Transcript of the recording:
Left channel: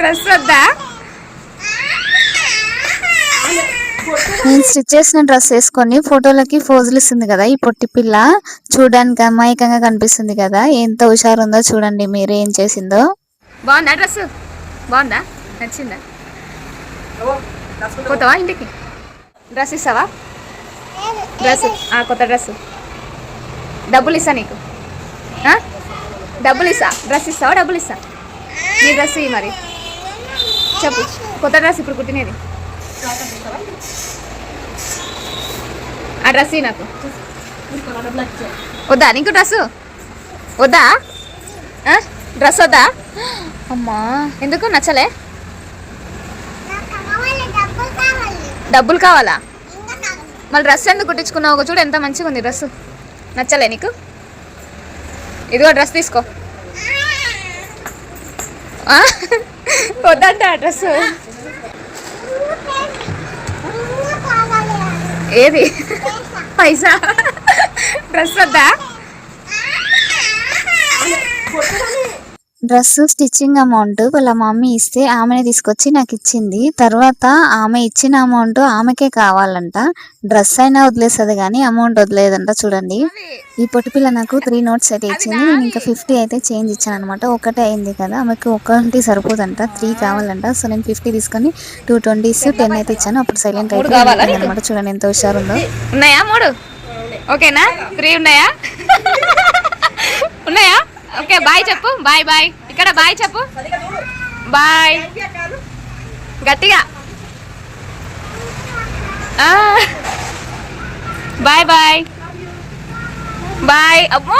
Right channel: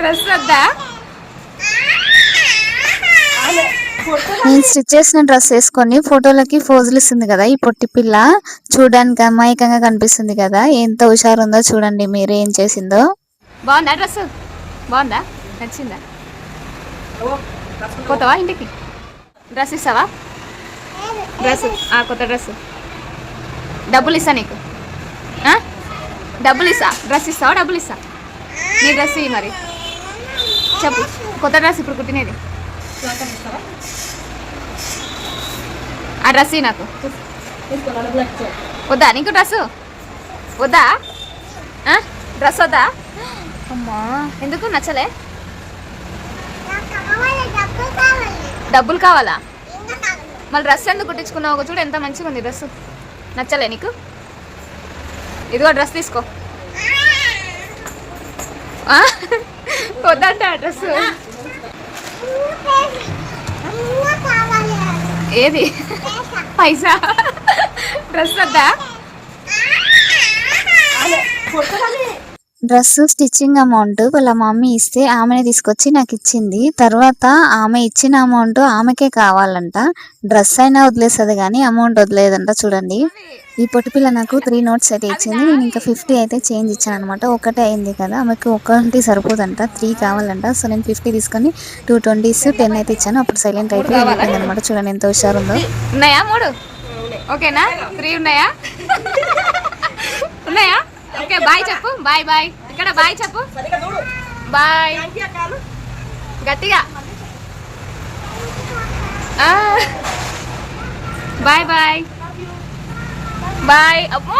Dress వద్దా? నేను stitch చేసిన డ్రెస్ వేసుకొని ఫోటోలకి పోజులు ఇస్తుంది కదా ఈ పొట్టి పిల్ల. చూడడానికి అమాయకంగా కనిపిస్తుంది కదా, ఎంత హుషారు ఉందో చూడండి మీరు ఏం చేసిందో. బాగుందా డ్రెస్? బాగుందా? నచ్చిందా? పోతావా ఇంటికి? డ్రెస్ ఇస్తావా? డ్రెస్ కొత్త డ్రెస్ డబ్బులు ఇస్తా నీకు. డబ్బులు ఇస్తా. డ్రెస్ ఇస్తావా? డబ్బులు ఇస్తా. నీ డ్రెస్ ఇవి మరి చెప్పు. కొత్త డ్రెస్ ఇప్పుడు కుట్టినది. ఆ డ్రెస్ ఇవి నాకు. వద్దా నీకు డ్రెస్? వద్దా? డ్రెస్ వద్దా? అమ్మా ఎందుకు నచ్చలే? డబ్బులు కావాలా? మళ్ళీ డ్రెస్ ఎందుకు కుట్టించుకున్నావు? చూడు ఎంత మంచిగా ఉంది డ్రెస్. నచ్చలే నీకు? ఇదిగో డ్రెస్ తీసుకో. వద్దంట డ్రెస్. ఏది పైసా? డ్రెస్ వద్దా? డ్రెస్ స్టిచ్చింగ్ అమౌంట్ వాళ్ళ మమ్మీ ఇస్తే ఆమెనే తీసుకొచ్చి నాకు ఇచ్చింది. తర్వాత ఆమె ఇచ్చిన అమౌంట్ ఆమెకే కావాలంట. డ్రెస్ అయినా వదిలేస్తుంది కానీ అమౌంట్ వదిలేదంట. చూడండి ఈ పొట్టి పిల్ల నాకు 3 notes అయితే ఇచ్చింది. నేను ఇంకా 50 అయితే చేంజ్ ఇచ్చాను అనమాట. ఒకటే అయింది కదా, ఆమెకు ఒకటి సరిపోదంట, 3 కావాలంట. సో నేను 50 తీసుకొని 2 20s 10 అయితే ఇచ్చాను. అప్పుడు సైలెంట్ అయిపోయింది అనమాట. చూడండి ఎంత హుషారుందో. ఉన్నాయా 3? ఓకేనా? 3 ఉన్నాయా? ఉన్నాయా? ఓకే బాయ్ చెప్పు. Bye bye. ఇక్కడ బాయ్ చెప్పు. బాయ్ గట్టిగా. Bye bye bye. అమ్మో